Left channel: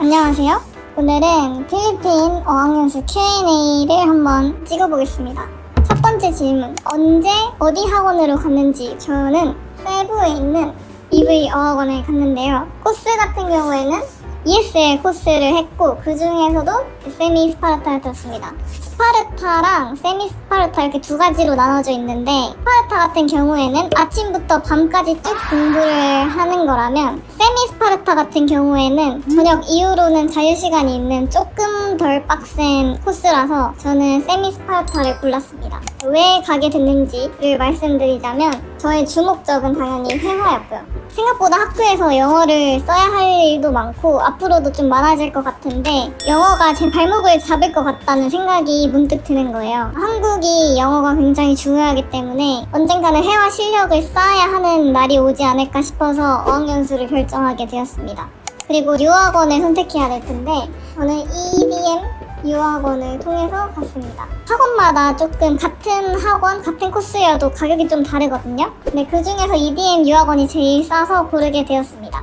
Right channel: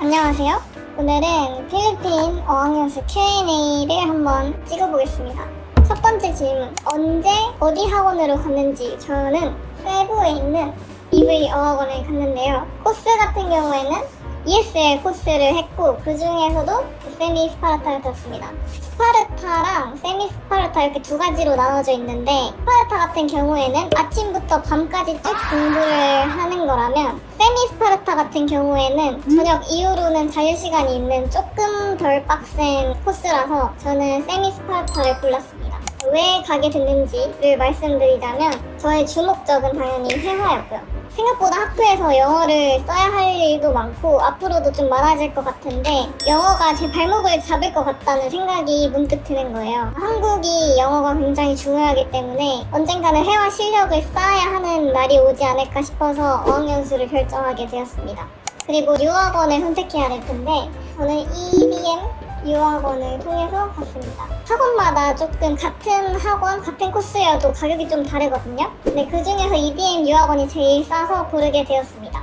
안녕하세요. 오늘은 필리핀 어학연수 Q&A를 한번 찍어보겠습니다. 첫 번째 질문, 언제 어디 학원으로 갔는지. 저는 세부에 있는 EV 어학원을 갔는데요. 코스 같은 경우에는 ESL 코스를 했고 그 중에서도 세미 스파르타를 들었습니다. 스파르타랑 세미 스파르타 이렇게 두 가지로 나눠져 있는데, 스파르타 같은 경우에는 아침부터 밤까지 쭉 공부를 하는 거라면 세미 스파르타 같은 경우에는 저녁 이후로는 자유시간이 있는 조금 덜 빡센 코스라서 저는 세미 스파르타를 골랐습니다. 왜 가게 됐는지를 말씀드리자면 저의 주목적은 당연히 회화였고요. 생각보다 학교에서 영어를 써야 할 일도 많고 앞으로도 좀 많아질 것 같은데 영어가 제 발목을 잡을 것 같다는 생각이 문득 드는 거예요. 한국이 영어가 굉장히 중요하기 때문에 언젠가는 회화 실력을 쌓아야 하는 날이 오지 않을까 싶어서 어학연수를 결정하게 되었습니다. 그리고 유학원을 선택해야 될 텐데 저는 EDM 유학원을 통해서 갔습니다. 학원마다 조금 같은 학원, 같은 코스여도 가격이 좀 다르거든요. 근데 그 중에서 EDM 유학원이 제일 싸서 고르게 되었습니다.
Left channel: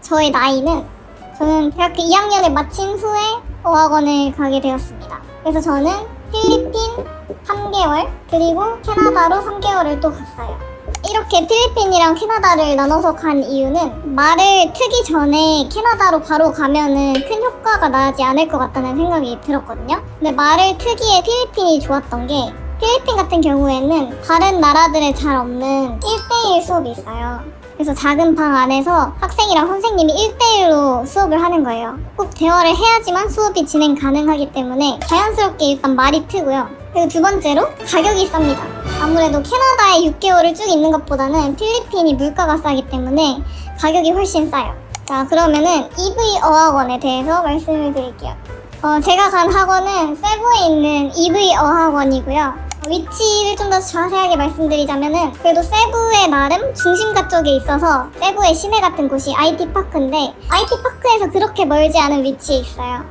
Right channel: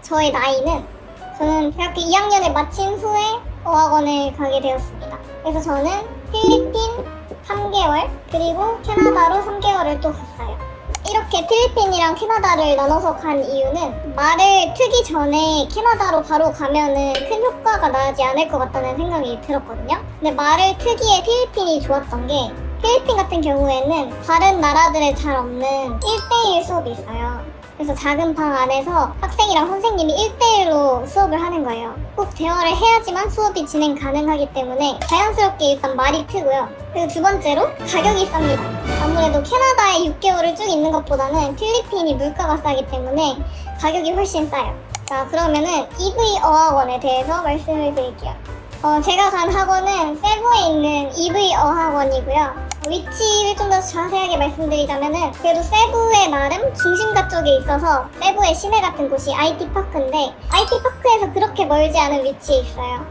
저의 나이는 저는 대학교 2학년을 마친 후에 어학원을 가게 되었습니다. 그래서 저는 필리핀 3개월 그리고 캐나다로 3개월을 또 갔어요. 이렇게 필리핀이랑 캐나다를 나눠서 간 이유는 말을 트기 전에 캐나다로 바로 가면은 큰 효과가 나지 않을 것 같다는 생각이 들었거든요. 근데 말을 트기에 필리핀이 좋았던 게 필리핀 같은 경우에는 다른 나라들에 잘 없는 1대1 수업이 있어요. 그래서 작은 방 안에서 학생이랑 선생님이 1대1로 수업을 하는 거예요. 꼭 대화를 해야지만 수업이 진행 가능하기 때문에 자연스럽게 일단 말이 트고요. 그리고 두 번째로 가격이 쌉니다. 아무래도 캐나다에 6개월을 쭉 있는 것보다는 필리핀이 물가가 싸기 때문에 가격이 훨씬 싸요. 자, 그러면은 EV 어학원에 대해서 말씀을 드릴게요. 제가 간 학원은 세부에 있는 EV 어학원이고요. 위치를 좀 더 자세하게 말씀드리자면은 그래도 세부의 나름 중심가 쪽에 있어서 세부의 시내 같은 곳이 IT파크인데 IT파크에서 그렇게 멀지 않은 위치에 있어요.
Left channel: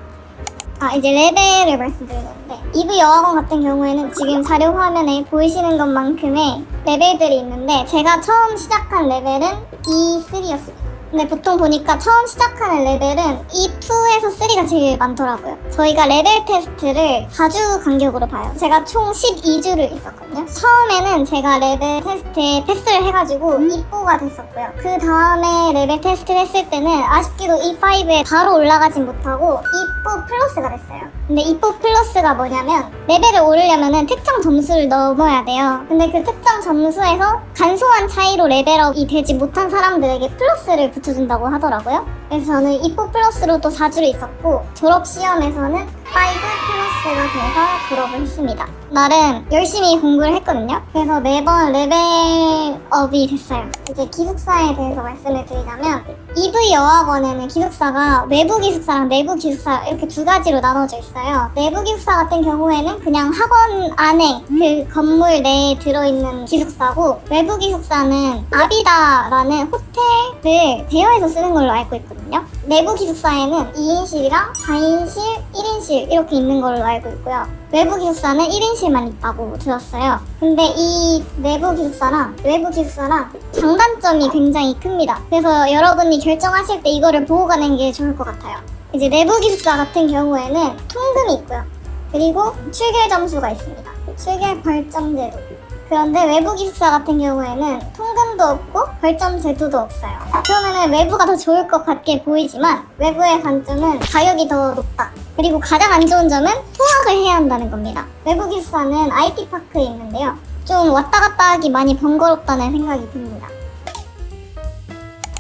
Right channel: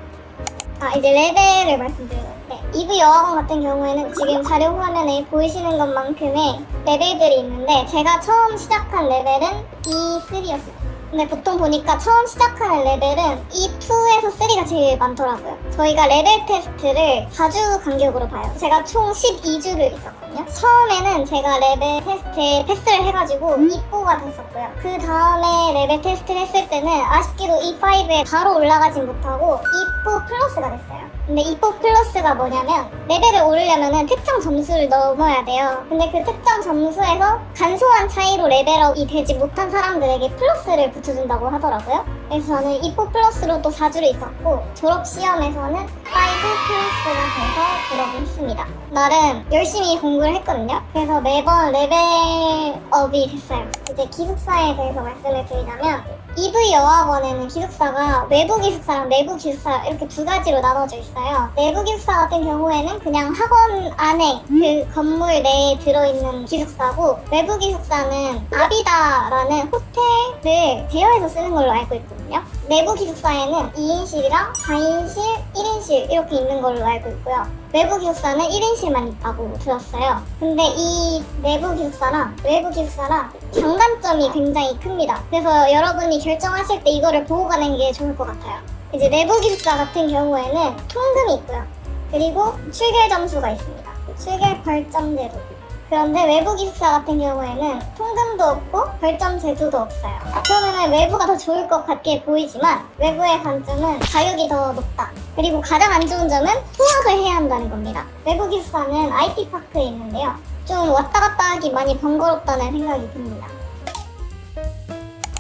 이제 레벨을 말씀드릴 건데 EV 어학원 같은 경우에는 지금 자료 화면에 보이시는 것만큼의 레벨들이 있는데 제가 처음 시작한 레벨은 E3였어요. 근데 보통 보니까 처음 시작하는 레벨은 E2에서 3가 제일 많더라고요. 저희가 레벨 테스트를 4주 간격으로 봐요. 제가 총 12주를 있었거든요. 처음에는 제가 레벨 테스트에 패스를 해가지고 E4가 됐었고요. 그 다음에 레벨 테스트를 했을 때는 아쉽게도 E5에 바로 올라가진 못하고 E4 플러스가 됐어요. 근데 E4 플러스가 뭐냐면 레벨을 오르려면 특정 점수를 넘어야 돼요. 근데 그 특정 점수에서 간소한 차이로 레벨업이 되지 못한 사람들에게 플러스를 붙여준다고 하더라고요. 그래서 저는 E4 플러스로 또 4주를 있었고 졸업시험에서는 5 플러스가 돼서 졸업을 했습니다. 나름 열심히 공부를 했거든요. 그래서 매번 레벨업이 됐어요. 이제 기숙사에 대해서 말씀을 드리자면 EV 어학원에는 기숙사가 외부 기숙사랑 내부 기숙사 이렇게 두 가지로 나눠져 있어요. 내부 기숙사 같은 경우에는 그냥 학원 안에 그 건물 내에 들어있는 기숙사고 외부 기숙사는 아비다라는 호텔을 대여해서 쓰는 걸로 알고 있거든요. 내부 기숙사에는 2인실이랑 4인실, 1인실 이렇게 있는 걸로 알고 있고요. 외부 기숙사는 1인실만 있다고 들었어요. 근데 이 내부 기숙사랑 외부 기숙사랑 장단점이 굉장히 큽니다. 그래서 여러분이 결정하실 때 이거를 보고 가는 게 좋을 것 같아요. 이제 내부 기숙사 같은 경우에는 통금이 있고요. 그리고 출결 점수가 있습니다. 출결 벌점 제도. 그런데 외부 기숙사 같은 경우에는 통금도 없고 벌점 제도도 없어요. 그러면은 외부가 더 좋을 것 같게 보이지만 외부의 단점은 가격이 더 높다. 그리고 가장 안 좋은 점은 통학을 해야 한다는 겁니다. 외부 기숙사는 IT파크에 있는데요. 좀 왔다 갔다 하기 많이 번거롭다는 생각이 듭니다.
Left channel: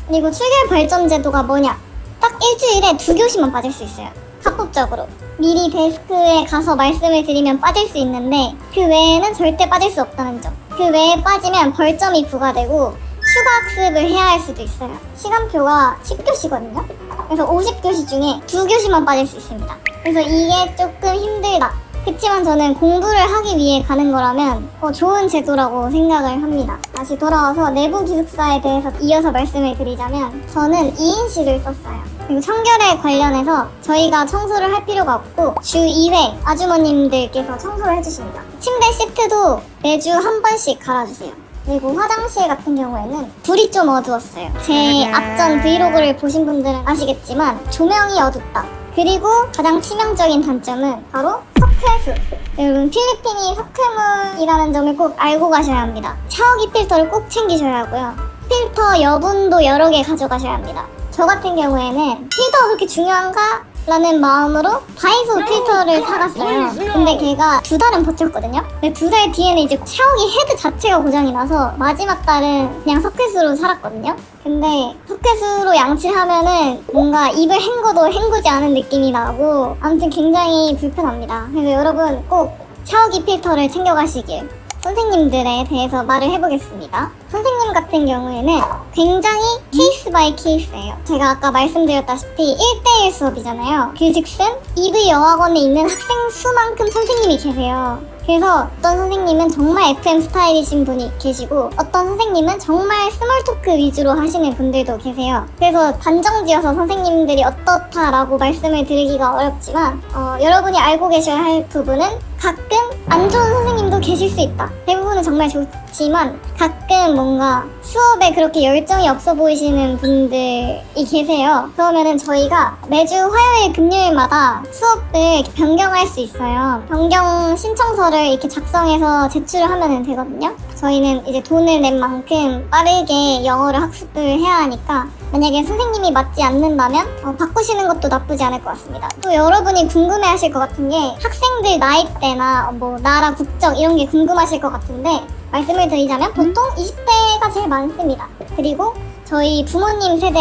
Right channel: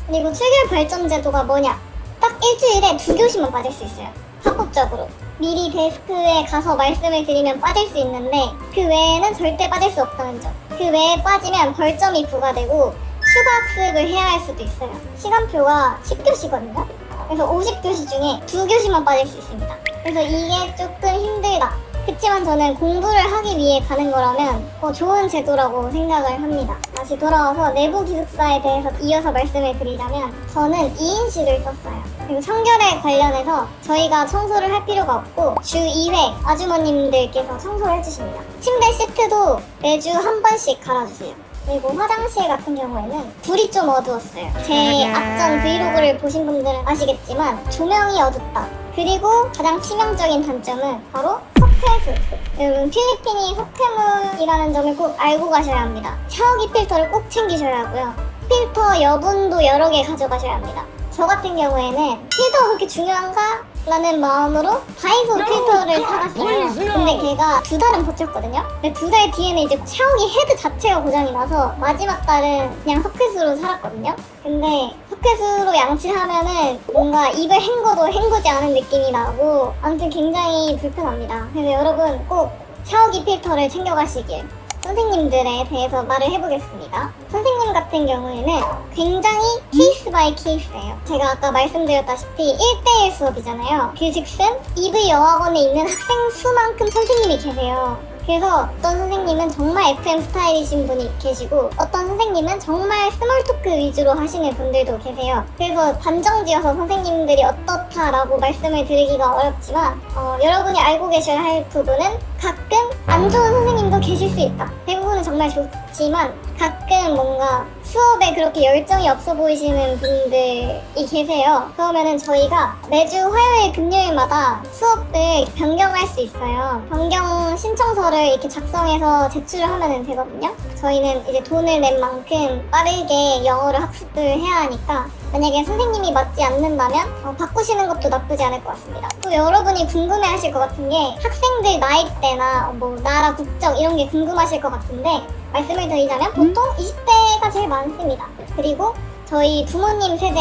그리고 출결 벌점 제도가 뭐냐? 딱 일주일에 2교시만 빠질 수 있어요. 합법적으로. 미리 데스크에 가서 말씀을 드리면 빠질 수 있는데 그 외에는 절대 빠질 수 없다는 점. 그 외에 빠지면 벌점이 부과되고 추가 학습을 해야 할 수도 있어요. 시간표가 10교시거든요. 그래서 50교시 중에 2교시만 빠질 수 있습니다. 그래서 이게 조금 힘들다. 그치만 저는 공부를 하기 위해 가는 거라면 좋은 제도라고 생각을 합니다. 다시 돌아와서 내부 기숙사에 대해서 이어서 말씀을 드리자면 저는 2인실을 썼어요. 그리고 청결에 관련해서 저희가 청소를 할 필요가 없고 주 2회 아주머님들께서 청소를 해주십니다. 침대 시트도 매주 한 번씩 갈아주세요. 그리고 화장실 같은 경우에는 불이 좀 어두웠어요. 제 앞전 브이로그를 보신 분들은 아시겠지만 조명이 어둡다. 그리고 가장 치명적인 단점은 바로 석회수. 여러분 필리핀이 석회물이라는 점을 꼭 알고 가셔야 합니다. 샤워기 필터를 꼭 챙기셔야 하고요. 필터 여분도 여러 개 가져가셔야 합니다. 저 같은 경우에는 필터가 그렇게 중요한가? 라는 마음으로 다이소 필터를 사갔어요. 근데 걔가 2달은 버텼거든요. 근데 2달 뒤에는 이제 샤워기 헤드 자체가 고장이 나서 마지막 달은 그냥 석회수로 살았거든요. 근데 석회수로 양치를 하면은 뭔가 입을 헹궈도 헹구지 않은 느낌이 나고 아무튼 굉장히 불편합니다. 그래서 여러분 꼭 샤워기 필터를 챙겨가시길. 선생님들에 대해서 말을 해보겠습니다. 선생님 같은 경우에는 굉장히 케이스 바이 케이스예요. 제가 아까 말씀드렸다시피 1대1 수업이잖아요. 그즉슨 EV 여학원에 있는 학생 수만큼 선생님이 계세요. 그래서 어떤 선생님은 정말 FM 스타일이신 분이 계시고 어떤 선생님은 정말 스몰 토크 위주로 하시는 분들도 계세요. 그래서 단정지어서 선생님들이 어떻다라고 말씀을 드리기가 어렵지만 여러분이 알고 계셔야 할 부분은 가끔 안 좋은 선생님도 계실 수 있다. 대부분은 정말 좋지만 가끔 뭔가 수업에 그렇게 열정이 없어 보이시는 분들이 계세요. 그러면은 저희가 매주 화요일 금요일마다 수업을 변경할 수 있어요. 변경 신청서를 이렇게 작성해서 제출을 하면 되거든요. 저희는 이제 돈을 낸 만큼 빠르게 영어를 학습을 해야 하니까 만약에 선생님이 맞지 않는다면 바꾸시는 것도 나쁘지 않을 것 같습니다. 또 여러분이 궁금해하실 것 같은 게 학생들 나이대나 뭐 나라 국적 이런 게 궁금하실 것 같은데 말씀을 드리자면 보통 20대가 제일 많습니다. 그리고 저희 부모님 세대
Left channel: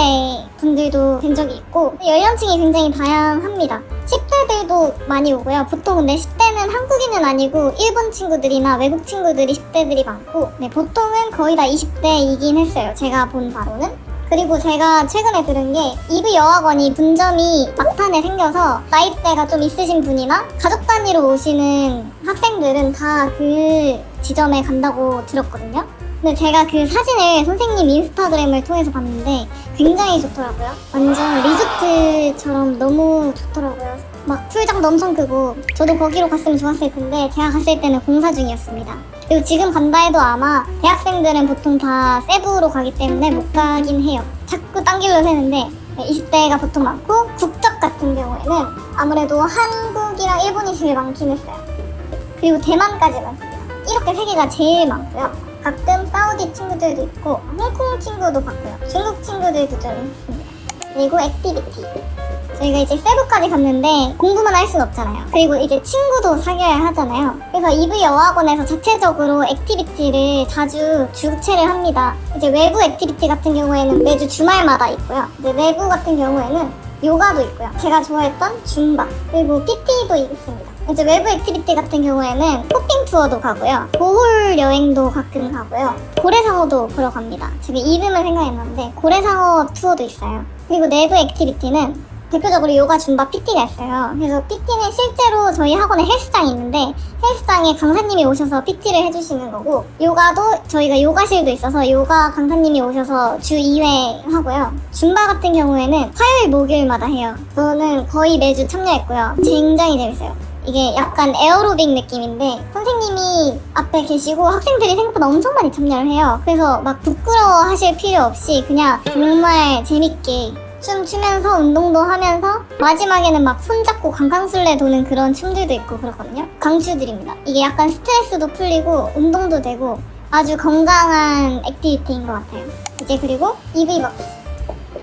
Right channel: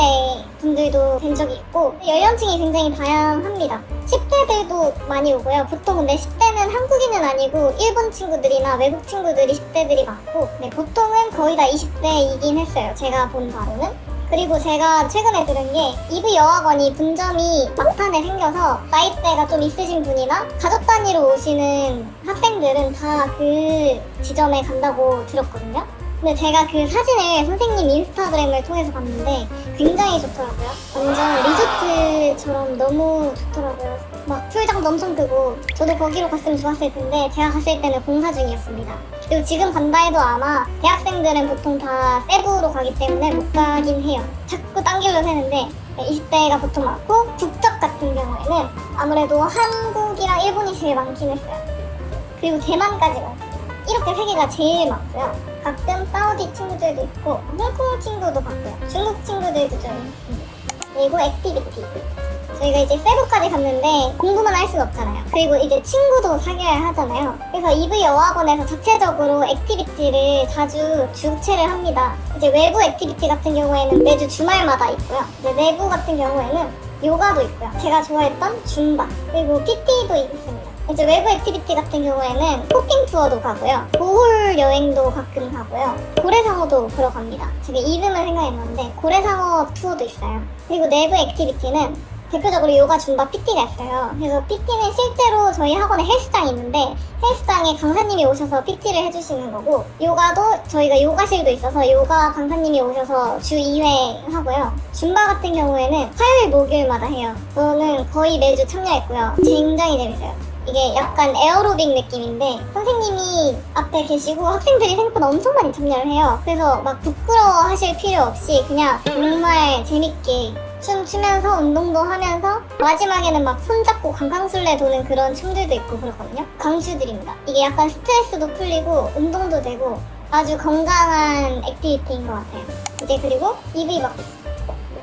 분들도 뵌 적이 있고 연령층이 굉장히 다양합니다. 10대들도 많이 오고요. 보통 근데 10대는 한국인은 아니고 일본 친구들이나 외국 친구들이 10대들이 많고 보통은 거의 다 20대이긴 했어요. 제가 본 바로는. 그리고 제가 최근에 들은 게 EV 여학원이 분점이 막판에 생겨서 나이대가 좀 있으신 분이나 가족 단위로 오시는 학생들은 다 그 지점에 간다고 들었거든요. 근데 제가 그 사진을 선생님 인스타그램을 통해서 봤는데 굉장히 좋더라고요. 완전 리조트처럼 너무 좋더라고요. 막 풀장도 엄청 크고 저도 거기로 갔으면 좋았을 텐데 제가 갔을 때는 공사 중이었습니다. 그리고 지금 간다 해도 아마 대학생들은 보통 다 세부로 가기 때문에 못 가긴 해요. 자꾸 딴 길로 새는데 20대가 보통 많고 국적 같은 경우에는 아무래도 한국이랑 일본이 제일 많긴 했어요. 그리고 대만까지 많습니다. 이렇게 세 개가 제일 많고요. 가끔 사우디 친구들도 있고 홍콩 친구도 봤고요. 중국 친구들도 좀 있습니다. 그리고 액티비티. 저희가 이제 세부까지 갔는데 공부만 할 수는 없잖아요. 그리고 이제 친구도 사귀어야 하잖아요. 그래서 EV 여학원에서 자체적으로 액티비티를 자주 주최를 합니다. 이제 외부 액티비티 같은 경우에는 매주 주말마다 있고요. 이제 내부 같은 경우에는 요가도 있고요. 제가 좋아했던 줌바 그리고 PT도 있습니다. 이제 외부 액티비티 같은 경우에는 쇼핑 투어도 가고요. 보홀 여행도 가끔 가고요. 고래상어도 보러 갑니다. 지금 이름은 생각이 나는데 고래상어 투어도 있어요. 그리고 내부 액티비티는 대표적으로 요가, 줌바, PT가 있어요. 그래서 PT는 실제로 저희 학원에 헬스장이 있는데 헬스장에 강사님이 오셔서 PT를 해주시는 거고 요가도 저희가 요가실도 있어서 요가 강사님이 오셔서 주 2회 하고요. 줌바 같은 경우에는 화요일, 목요일마다 해요. 저는 거의 매주 참여했고요. 굉장히 재밌어요. 이게 약간 에어로빅 느낌인데 선생님이 앞에 계시고 학생들이 생각보다 엄청 많이 참여를 해요. 그래서 막 부끄러워 하실 필요 없이 그냥 정말 재밌게 춤추면서 운동도 하면서 마지막에는 막 손잡고 강강술래 도는 그런 춤들도 있고 그렇거든요. 강추드립니다. 이게 약간 스트레스도 풀리고 운동도 되고 아주 건강한 액티비티인 것 같아요. 이제 그리고 EV박스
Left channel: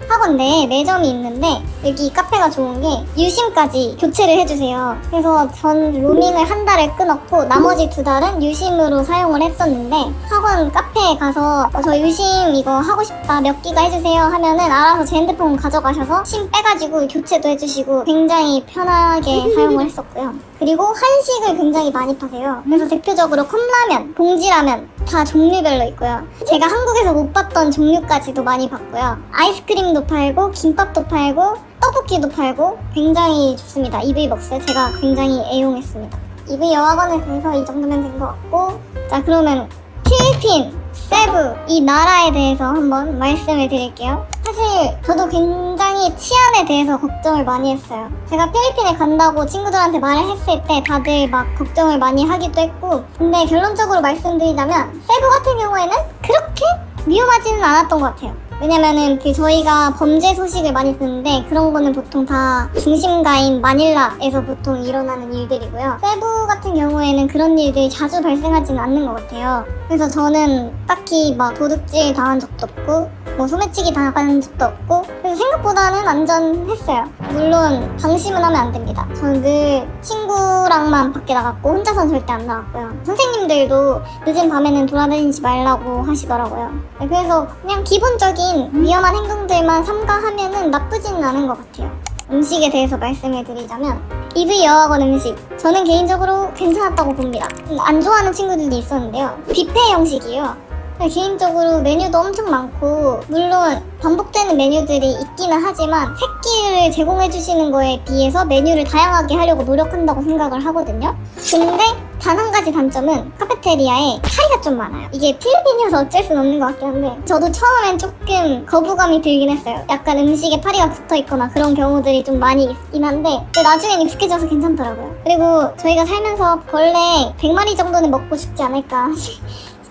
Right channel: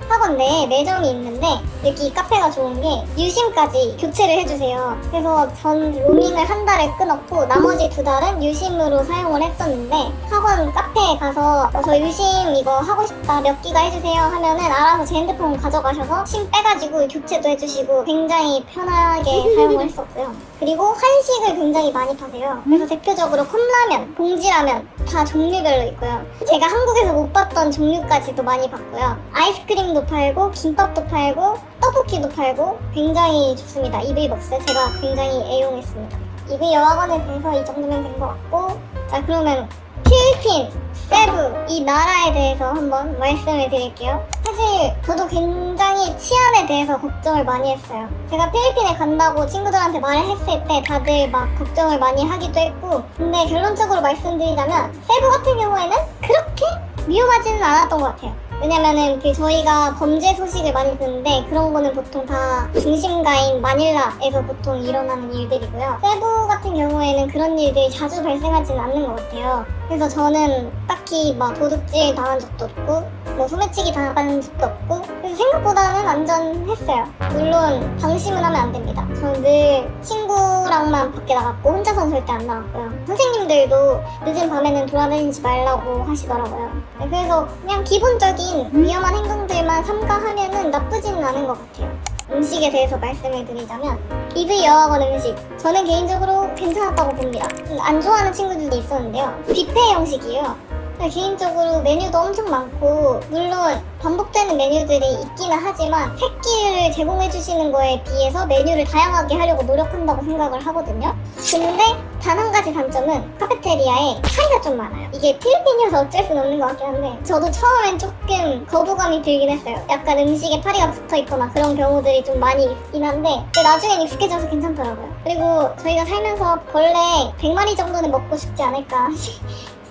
학원 내에 매점이 있는데 여기 카페가 좋은 게 유심까지 교체를 해주세요. 그래서 전 로밍을 한 달을 끊었고 나머지 2달은 유심으로 사용을 했었는데 학원 카페에 가서 저 유심 이거 하고 싶다 몇 기가 해주세요 하면은 알아서 제 핸드폰 가져가셔서 심 빼가지고 교체도 해주시고 굉장히 편하게 사용을 했었고요. 그리고 한식을 굉장히 많이 파세요. 그래서 대표적으로 컵라면, 봉지라면 다 종류별로 있고요. 제가 한국에서 못 봤던 종류까지도 많이 봤고요. 아이스크림도 팔고 김밥도 팔고 떡볶이도 팔고 굉장히 좋습니다. EV박스 제가 굉장히 애용했습니다. EV 여학원에 대해서 이 정도면 된 것 같고 자 그러면 필리핀, 세부 이 나라에 대해서 한번 말씀을 드릴게요. 사실 저도 굉장히 치안에 대해서 걱정을 많이 했어요. 제가 필리핀에 간다고 친구들한테 말을 했을 때 다들 막 걱정을 많이 하기도 했고, 근데 결론적으로 말씀드리자면 세부 같은 경우에는 그렇게 위험하지는 않았던 것 같아요. 왜냐면은 저희가 범죄 소식을 많이 듣는데 그런 거는 보통 다 중심가인 마닐라에서 보통 일어나는 일들이고요. 세부 같은 경우에는 그런 일들이 자주 발생하지는 않는 것 같아요. 그래서 저는 딱히 막 도둑질 당한 적도 없고 뭐 소매치기 당한 적도 없고, 그래서 생각보다는 안전했어요. 물론 방심은 하면 안 됩니다. 저는 늘 친구랑만 밖에 나갔고 혼자서는 절대 안 나갔고요. 선생님들도 늦은 밤에는 돌아다니지 말라고 하시더라고요. 네, 그래서 그냥 기본적인 위험한 행동들만 삼가하면은 나쁘지는 않은 것 같아요. 음식에 대해서 말씀을 드리자면 EV 여학원 음식, 저는 개인적으로 괜찮았다고 봅니다. 안 좋아하는 친구들도 있었는데요. 뷔페 형식이에요. 개인적으로 메뉴도 엄청 많고, 물론 반복되는 메뉴들이 있기는 하지만 새끼를 제공해 주시는 거에 비해서 메뉴를 다양하게 하려고 노력한다고 생각을 하거든요. 근데 단 한 가지 단점은 카페테리아에 파리가 좀 많아요. 이게 필리핀이어서 어쩔 순 없는 것 같긴 한데 저도 처음엔 조금 거부감이 들긴 했어요. 약간 음식에 파리가 붙어 있거나 그런 경우들이 좀 많이 있긴 한데 나중엔 익숙해져서 괜찮더라고요. 그리고 저희가 살면서 벌레 100마리 정도는 먹고 싶지 않을까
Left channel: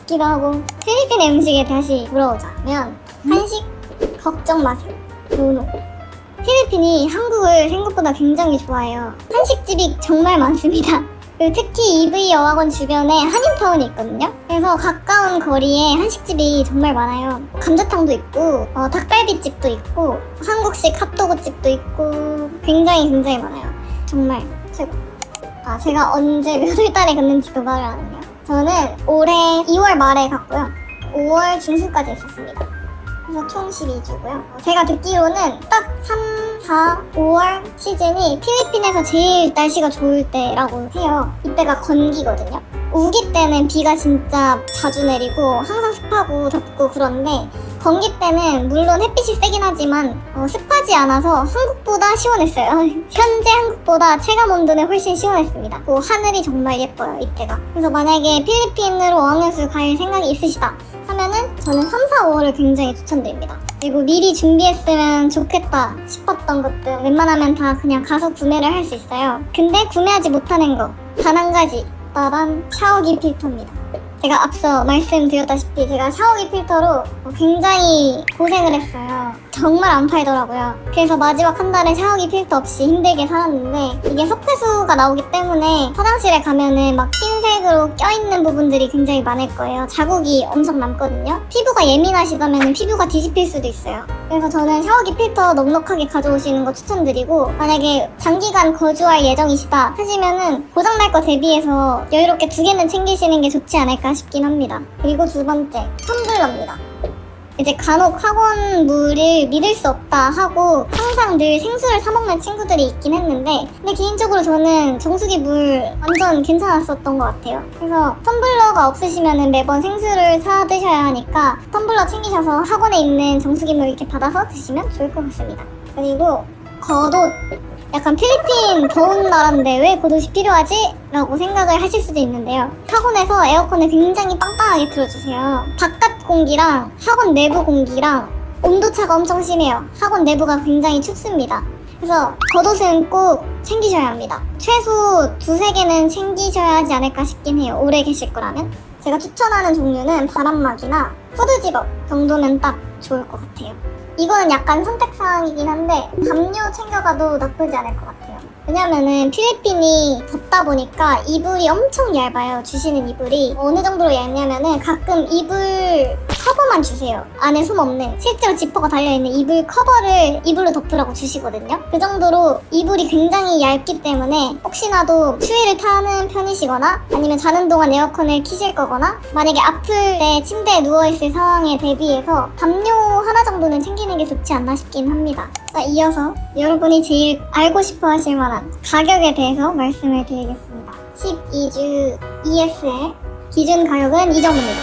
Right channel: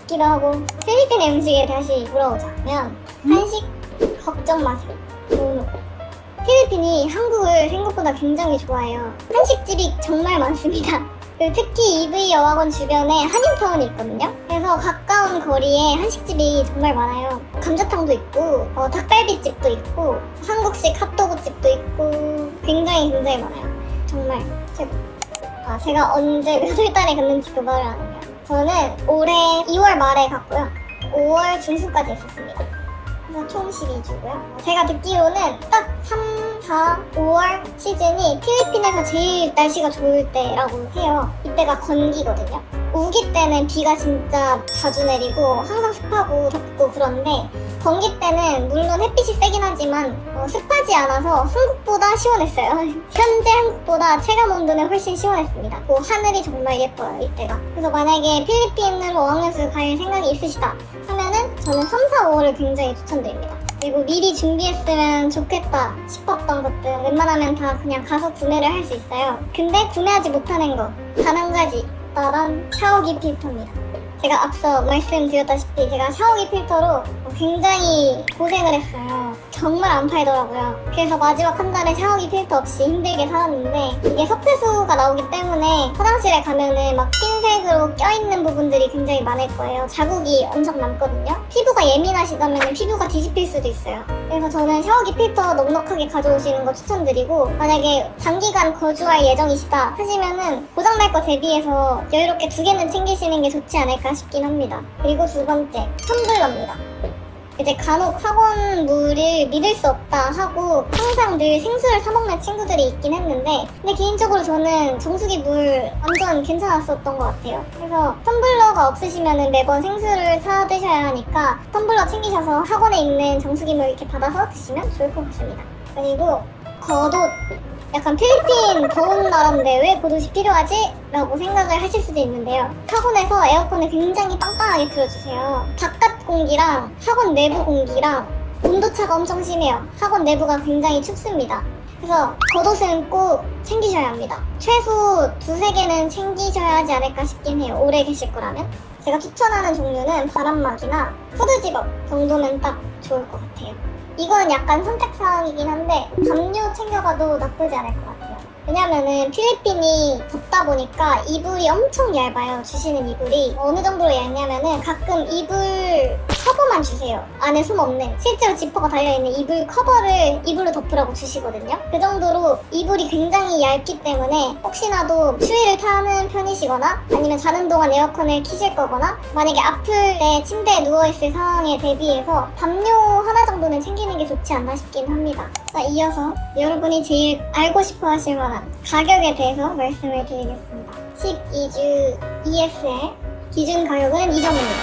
기도 하고. 필리핀의 음식에 다시 돌아오자면 한식 걱정 마세요. 노노. 필리핀이 한국을 생각보다 굉장히 좋아해요. 한식집이 정말 많습니다. 그리고 특히 EV 여학원 주변에 한인타운이 있거든요. 그래서 가까운 거리에 한식집이 정말 많아요. 감자탕도 있고 닭갈비집도 있고 한국식 핫도그집도 있고 굉장히 많아요. 정말 최고. 제가 언제 몇 월 달에 갔는지도 말을 안 해요. 저는 올해 2월 말에 갔고요. 5월 중순까지 있었습니다. 그래서 총 12주고요. 제가 듣기로는 딱 3, 4, 5월 시즌이 필리핀에서 제일 날씨가 좋을 때라고 해요. 이때가 건기거든요. 우기 때는 비가 진짜 자주 내리고 항상 습하고 덥고 그런데, 건기 때는 물론 햇빛이 세긴 하지만 습하지 않아서 한국보다 시원했어요. 현재 한국보다 체감온도는 훨씬 시원했습니다. 하늘이 정말 예뻐요, 이때가. 그래서 만약에 필리핀으로 어학연수 갈 생각이 있으시다 하면은 저는 3, 4, 5를 굉장히 추천드립니다. 그리고 미리 준비했으면 좋겠다 싶었던 것들 웬만하면 다 그냥 가서 구매를 할 수 있어요. 근데 구매하지 못하는 거 단 한 가지, 빠밤, 샤워기 필터입니다. 제가 앞서 말씀드렸다시피 제가 샤워기 필터로 굉장히 고생을 했어요. 정말 안 팔더라고요. 그래서 마지막 한 달에 샤워기 필터 없이 힘들게 살았는데, 이게 석회수가 나오기 때문에 화장실에 가면은 막 흰색으로 껴있는 부분들이 굉장히 많을 거예요. 자국이 엄청 남거든요. 피부가 예민하시다면 피부가 뒤집힐 수도 있어요. 그래서 저는 샤워기 필터 넉넉하게 가져오시는 거 추천드리고, 만약에 장기간 거주할 예정이시다 하시면은 고장날 거 대비해서 여유롭게 2개는 챙기시는 게 좋지 않을까 싶긴 합니다. 그리고 두 번째, 텀블러입니다. 이제 간혹 학원 물을 믿을 수 없다 하고 항상 늘 생수를 사 먹는 친구들이 있긴 했는데, 근데 개인적으로 저는 정수기 물 완전 괜찮았었던 것 같아요. 그래서 텀블러가 없으시면 매번 생수를 사 드셔야 하니까 텀블러 챙기셔서 학원에 있는 정수기 물 이렇게 받아서 드시면 좋을 것 같습니다. 그리고 겉옷. 약간 필리핀 더운 나라인데 왜 겉옷이 필요하지? 라고 생각을 하실 수도 있는데요. 학원에서 에어컨을 굉장히 빵빵하게 틀어주세요. 바깥 공기랑 학원 내부 공기랑 온도차가 엄청 심해요. 학원 내부가 굉장히 춥습니다. 그래서 겉옷은 꼭 챙기셔야 합니다. 최소 2, 3개는 챙기셔야 하지 않을까 싶긴 해요. 오래 계실 거라면. 제가 추천하는 종류는 바람막이나 후드집업 정도는 딱 좋을 것 같아요. 이거는 약간 선택사항이긴 한데 담요 챙겨가도 나쁘지 않을 것 같아요. 왜냐면은 필리핀이 덥다 보니까 이불이 엄청 얇아요. 주시는 이불이 어느 정도로 얇냐면은 가끔 이불 커버만 주세요. 안에 솜 없는, 실제로 지퍼가 달려있는 이불 커버를 이불로 덮으라고 주시거든요. 그 정도로 이불이 굉장히 얇기 때문에 혹시나도 추위를 타는 편이시거나 아니면 자는 동안 에어컨을 켜실 거거나 만약에 아플 때 침대에 누워있을 상황에 대비해서 담요 하나 정도는 챙기는 게 좋지 않나 싶긴 합니다. 자, 이어서 여러분이 제일 알고 싶어 하실 만한 가격에 대해서 말씀을 드리겠습니다. 12주 ESL 기준 가격은 이 정도입니다.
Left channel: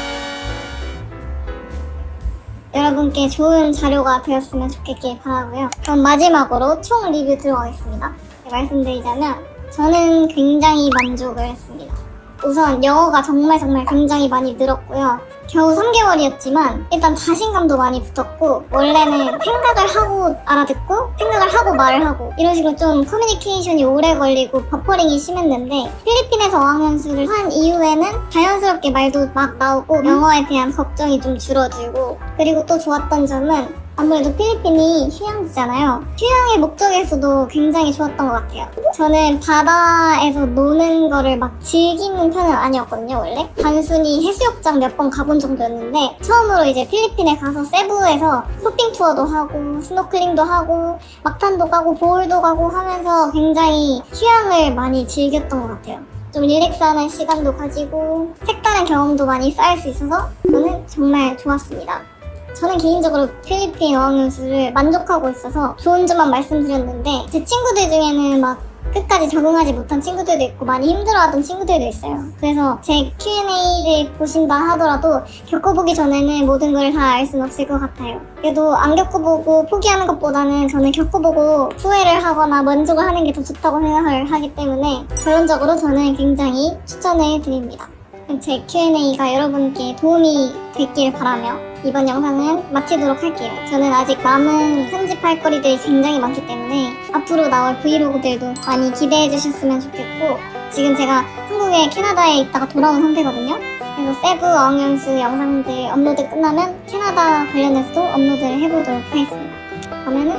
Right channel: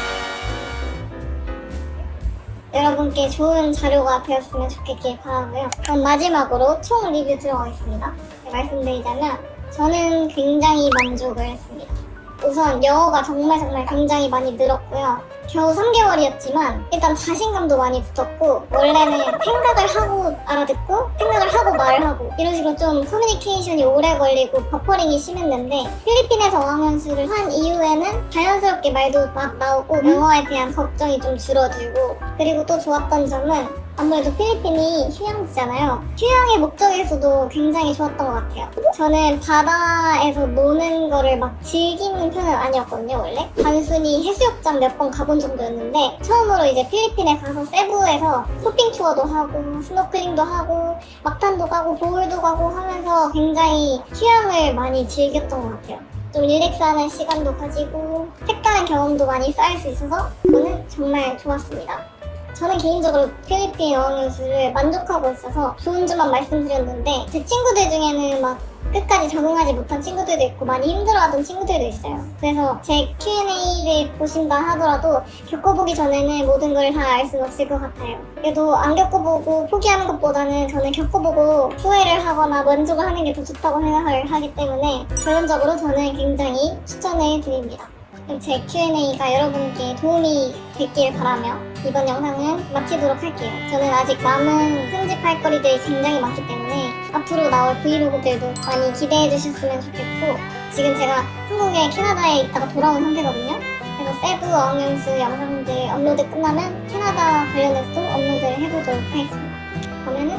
여러분께 좋은 자료가 되었으면 좋겠길 바라고요. 그럼 마지막으로 총 리뷰 들어가겠습니다. 말씀드리자면 저는 굉장히 만족을 했습니다. 우선 영어가 정말 굉장히 많이 늘었고요. 겨우 3개월이었지만 일단 자신감도 많이 붙었고, 원래는 생각을 하고 알아듣고 생각을 하고 말을 하고 이런 식으로 좀 커뮤니케이션이 오래 걸리고 버퍼링이 심했는데, 필리핀에서 어학연수를 한 이후에는 자연스럽게 말도 막 나오고 영어에 대한 걱정이 좀 줄어들고, 그리고 또 좋았던 점은 아무래도 필리핀이 휴양지잖아요. 휴양의 목적에서도 굉장히 좋았던 것 같아요. 저는 바다에서 노는 거를 막 즐기는 편은 아니었거든요, 원래. 단순히 해수욕장 몇 번 가본 정도였는데, 처음으로 이제 필리핀에 가서 세부에서 쇼핑 투어도 하고 스노클링도 하고 막탄도 가고 보울도 가고 하면서 굉장히 휴양을 많이 즐겼던 것 같아요. 좀 릴렉스하는 시간도 가지고 색다른 경험도 많이 쌓일 수 있어서 저는 정말 좋았습니다. 저는 개인적으로 필리핀 어학연수를 만족하고 있어서 좋은 점만 말씀드렸는데, 제 친구들 중에는 막 끝까지 적응하지 못한 친구들도 있고 많이 힘들어하던 친구들도 있어요. 그래서 제 Q&A를 보신다 하더라도 겪어보기 전에는 모든 걸 다 알 수는 없을 것 같아요. 그래도 안 겪어보고 포기하는 것보다는 저는 겪어보고 후회를 하거나 만족을 하는 게 더 좋다고 생각을 하기 때문에 결론적으로 저는 굉장히 추천을 드립니다. 그럼 제 Q&A가 여러분께 도움이 됐길 바라며 이번 영상은 마치도록 할게요. 저는 아직 남은 편집할 거리들이 굉장히 많기 때문에 앞으로 나올 브이로그들도 많이 기대해 주셨으면 좋겠고, 지금 제가 한국에 캐나다에 있다가 돌아온 상태거든요. 그래서 세부 어학연수 영상들 업로드 끝나면 캐나다 관련해서도 업로드를 해보도록 하겠습니다. 그러면은